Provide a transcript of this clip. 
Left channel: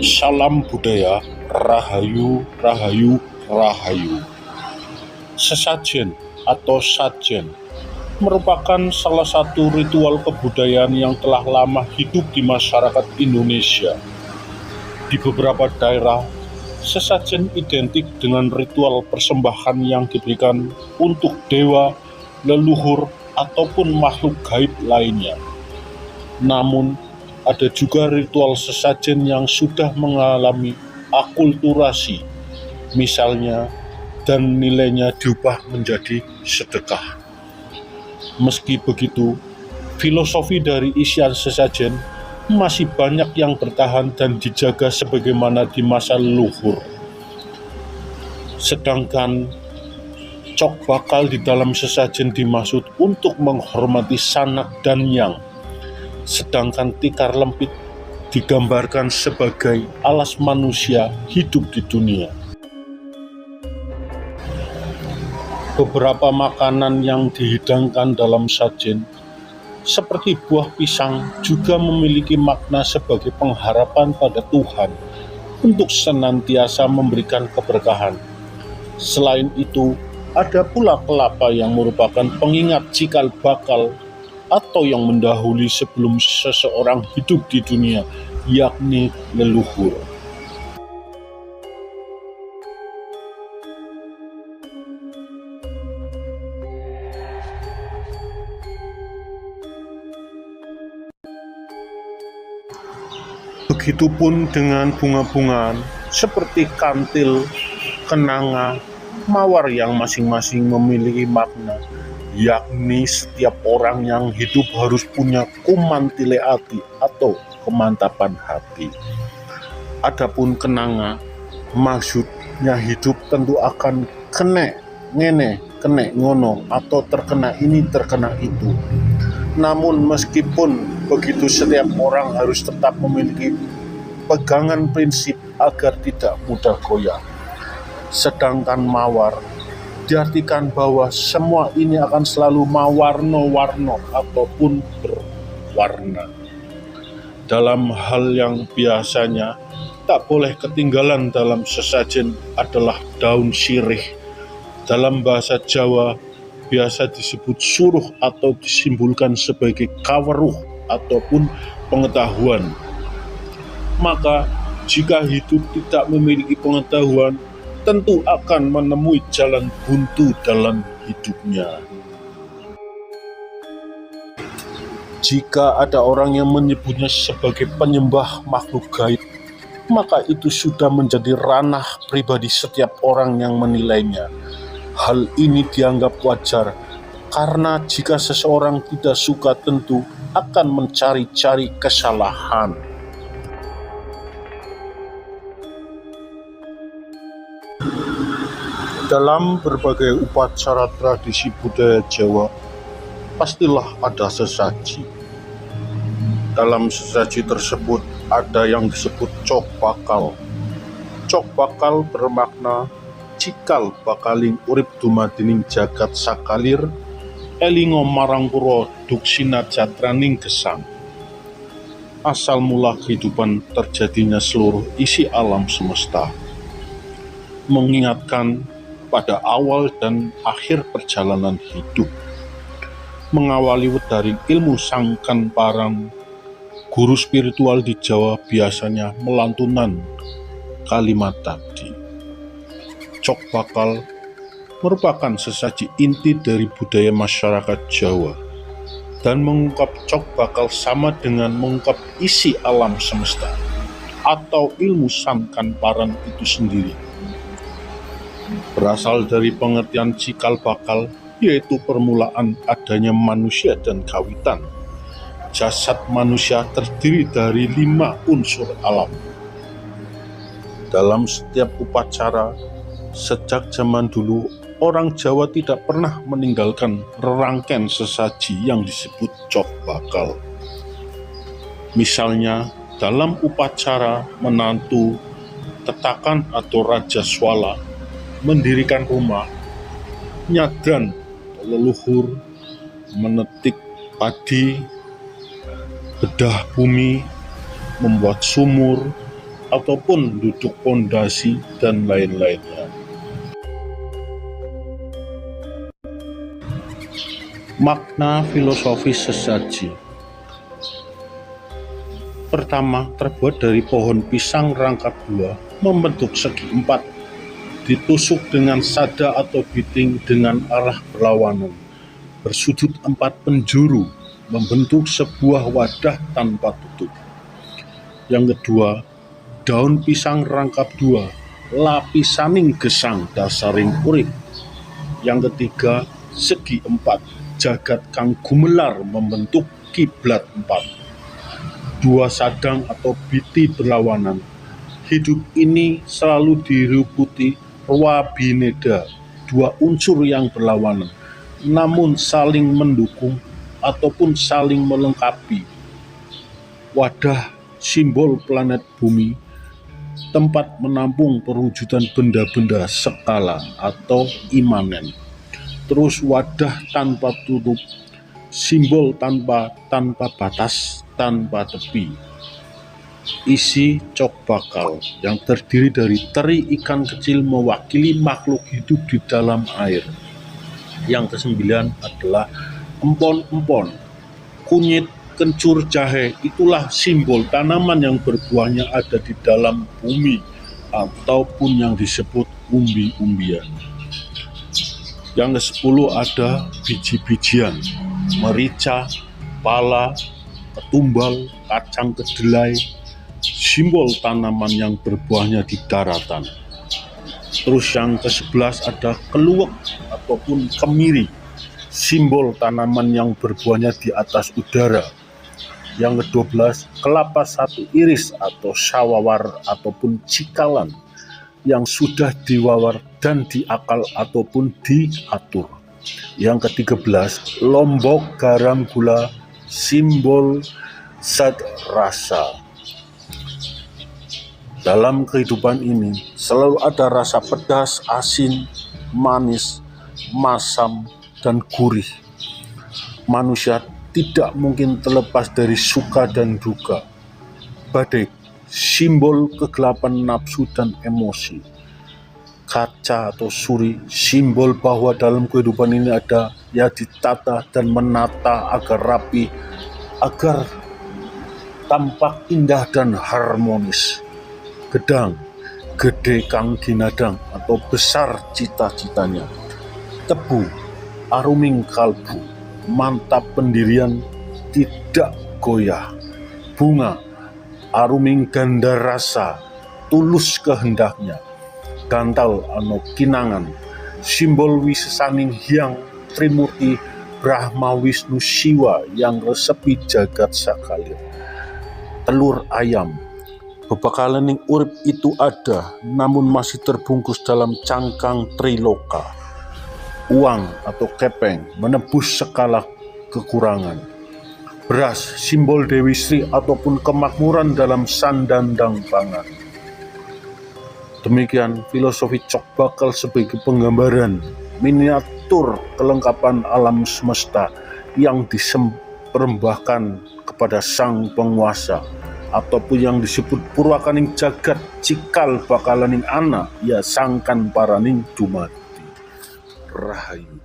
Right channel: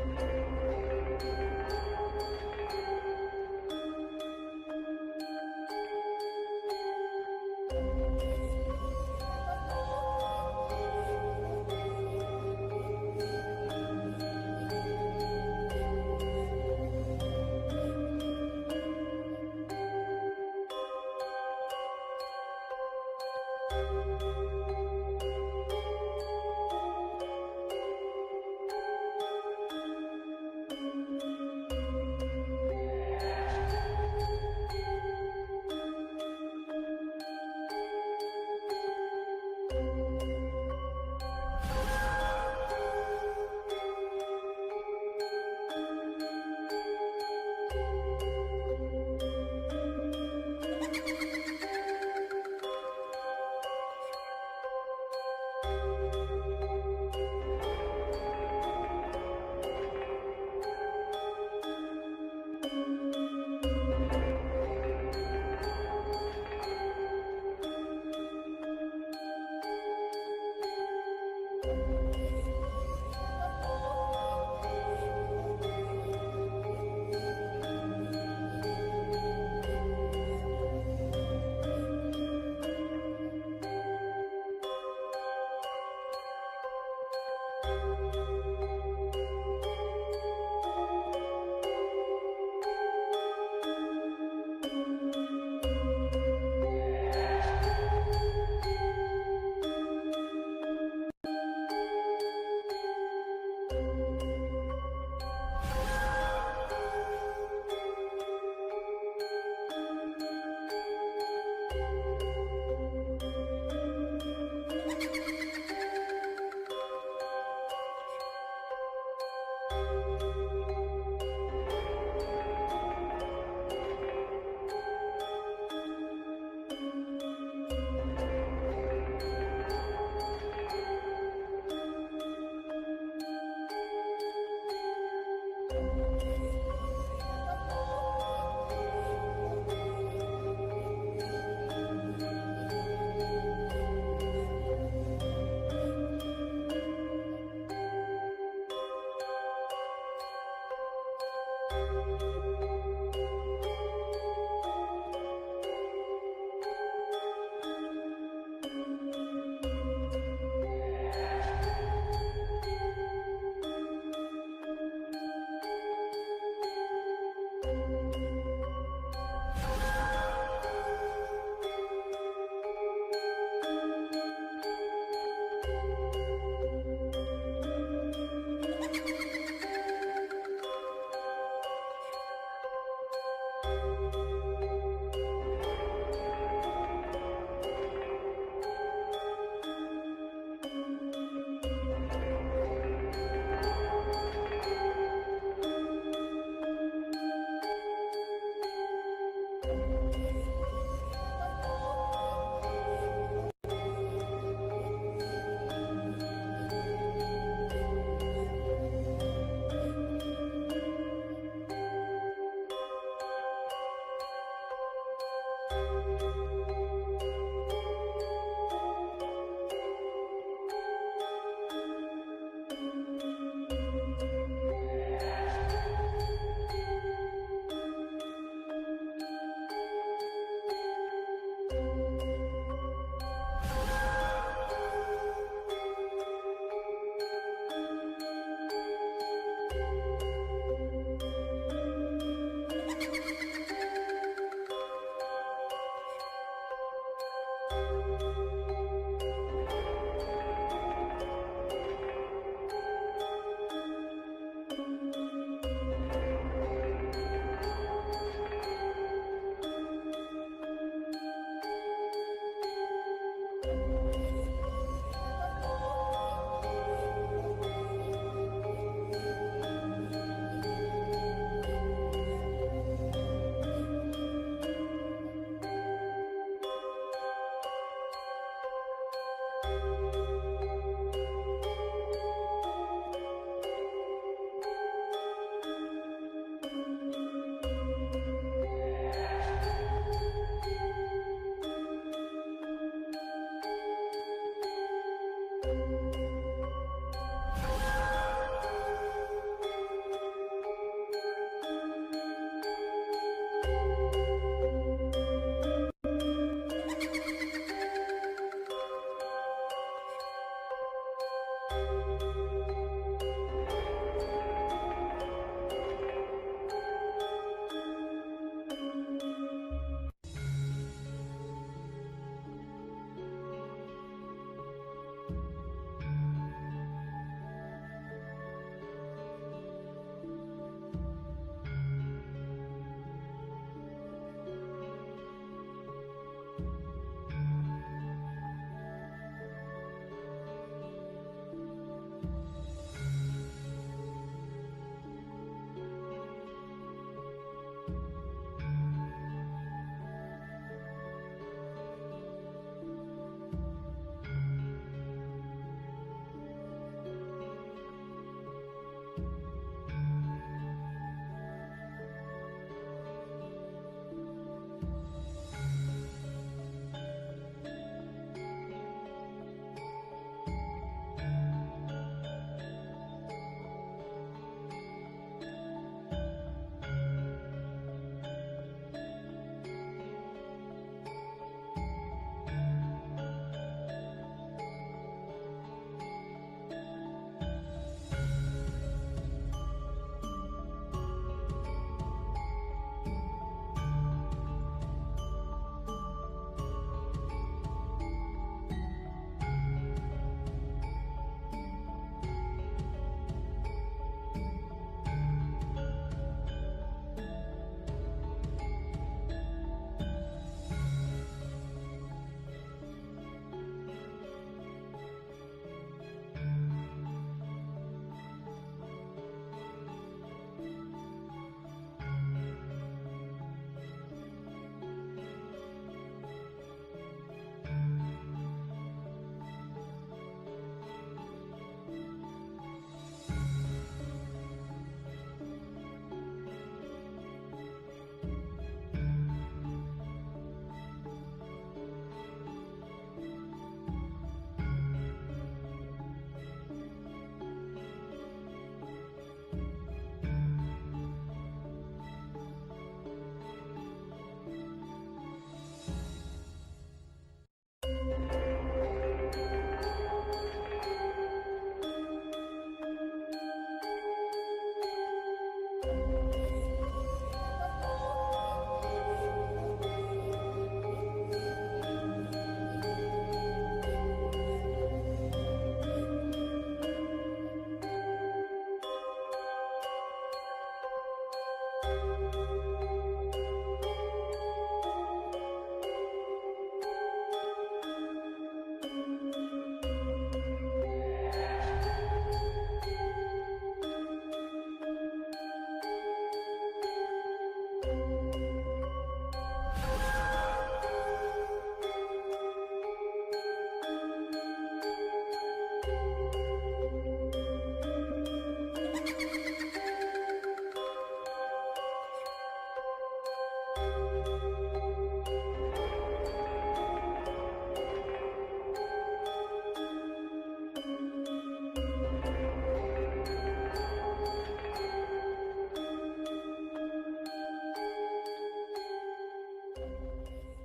Salam budaya, rahayu, rahayu, rahayu. Sesajen atau sajen merupakan salah satu ritual kebudayaan yang telah lama hidup di masyarakat Indonesia. Di beberapa daerah, sesajen identik dengan ritual persembahan yang diberikan untuk dewa, leluhur, ataupun makhluk gaib lainnya. Namun, ada juga ritual sesajen yang sudah mengalami akulturasi, misalnya, dan nilainya diubah menjadi sedekah. Meski begitu, filosofi dari isian sesajen masih banyak yang bertahan dan dijaga sebagaimana di masa leluhur. Sedangkan cok bakal di dalam sesajen dimaksud untuk menghormati sanak dan yang, sedangkan tikar lempit digambarkan sebagai alas manusia hidup di dunia. Beberapa makanan yang dihidangkan dalam sajen, seperti buah pisang, juga memiliki makna sebagai pengharapan pada Tuhan untuk senantiasa memberikan keberkahan. Selain itu, ada pula kelapa yang merupakan pengingat cikal bakal atau yang mendahului sebelum seseorang hidup di dunia, yakni leluhur. Begitupun dengan bunga-bungaan seperti kantil, kenanga, mawar yang masing-masing memiliki makna, yakni setiap orang yang hidup harus punya kumantile ati atau kemantapan hati. Adapun kenanga, maksudnya hidup tentu akan kene, ngene, kene, ngono, atau terkena ini, terkena itu. Namun meskipun begitu, setiap orang harus tetap memiliki pegangan prinsip agar tidak mudah goyah. Sedangkan mawar diartikan bahwa semua ini akan selalu mawarno-warno ataupun berwarna. Dalam hal yang biasanya tak boleh ketinggalan dalam sesajen adalah daun sirih. Dalam bahasa Jawa biasa disebut suruh atau disimbolkan sebagai kaweruh ataupun pengetahuan. Maka jika hidup tidak memiliki pengetahuan, tentu akan menemui jalan buntu dalam hidupnya. Jika ada orang yang menyebutnya sebagai penyembah makhluk gaib, maka itu sudah menjadi ranah pribadi setiap orang yang menilainya. Hal ini dianggap wajar, karena jika seseorang tidak suka tentu akan mencari-cari kesalahan. Dalam berbagai upacara tradisi budaya Jawa, pastilah ada sesaji. Dalam sesaji tersebut ada yang disebut cok bakal. Cok bakal bermakna cikal bakaling urip dumadining jagat sakalir, elingo marang pura duksina jatraning gesang. Asal mula kehidupan terjadinya seluruh isi alam semesta, mengingatkan pada awal dan akhir perjalanan hidup. Mengawali dari ilmu sangkan parang, guru spiritual di Jawa biasanya melantunan kalimat tadi. Cok bakal merupakan sesaji inti dari budaya masyarakat Jawa, dan mengungkap cok bakal sama dengan mengungkap isi alam semesta atau ilmu sangkan parang itu sendiri. Berasal dari pengertian cikal bakal, yaitu permulaan adanya manusia dan kawitan. Jasad manusia terdiri dari 5 unsur alam. Dalam setiap upacara, sejak zaman dulu, orang Jawa tidak pernah meninggalkan rangkaian sesaji yang disebut cok bakal. Misalnya, dalam upacara menantu, tetakan atau raja swala mendirikan rumah, nyadran leluhur, menetik padi, bedah bumi, membuat sumur, ataupun duduk pondasi dan lain-lainnya. Makna filosofis sesaji. Pertama, terbuat dari pohon pisang rangkap dua, membentuk segi empat, ditusuk dengan sada atau biting dengan arah berlawanan, bersudut empat penjuru, membentuk sebuah wadah tanpa tutup. Yang kedua, daun pisang rangkap dua, lapisaning gesang dasaring urip. Yang ketiga, segi empat, jagat kang gumelar membentuk kiblat empat. Dua sadang atau biti berlawanan. Hidup ini selalu diliputi wabineda, dua unsur yang berlawanan, namun saling mendukung ataupun saling melengkapi. Wadah simbol planet bumi, tempat menampung perwujudan benda-benda skala atau imanen. Terus wadah tanpa tutup, simbol tanpa batas, tanpa tepi. Isi cok bakal yang terdiri dari teri ikan kecil mewakili makhluk hidup di dalam air. Yang kesembilan adalah empon-empon, kunyit, kencur, jahe. Itulah simbol tanaman yang berbuahnya ada di dalam bumi ataupun yang disebut umbi-umbian. Yang ke-10 ada biji-bijian, merica, pala, ketumbal, kacang kedelai, simbol tanaman yang berbuahnya di daratan. Terus yang ke-11 ada keluwek ataupun kemiri, simbol tanaman yang berbuahnya di atas udara. Yang ke-12 kelapa satu iris atau sawawar ataupun cikalan, yang sudah diwawar dan diakal ataupun diatur. Yang ke-13 lombok garam gula, simbol zat rasa. Dalam kehidupan ini selalu ada rasa pedas, asin, manis, masam, dan gurih. Manusia tidak mungkin terlepas dari suka dan duka. Badai, simbol kegelapan nafsu dan emosi. Kaca atau suri, simbol bahwa dalam kehidupan ini ada ya ditata dan menata agar rapi, agar tampak indah dan harmonis. Gedang, gede kang ginadang atau besar cita-citanya. Tebu, aruming kalbu, mantap pendirian, tidak goyah. Bunga, aruming ganda rasa, tulus kehendaknya. Gantal ano kinangan, simbol wisesaning hyang Trimurti Brahma Wisnu Siwa yang resepi jagat sakalir. Telur ayam, bebakalaning urip itu ada, namun masih terbungkus dalam cangkang triloka. Uang atau kepeng menebus segala kekurangan. Beras, simbol Dewi Sri ataupun kemakmuran dalam sandandang pangan. Demikian filosofi cok bakal sebagai penggambaran miniatur kelengkapan alam semesta yang dipersembahkan kepada sang penguasa, ataupun yang disebut purwakaning jagat cikal bakalaning ana ya sangkan paraning dumadi. Rahayu.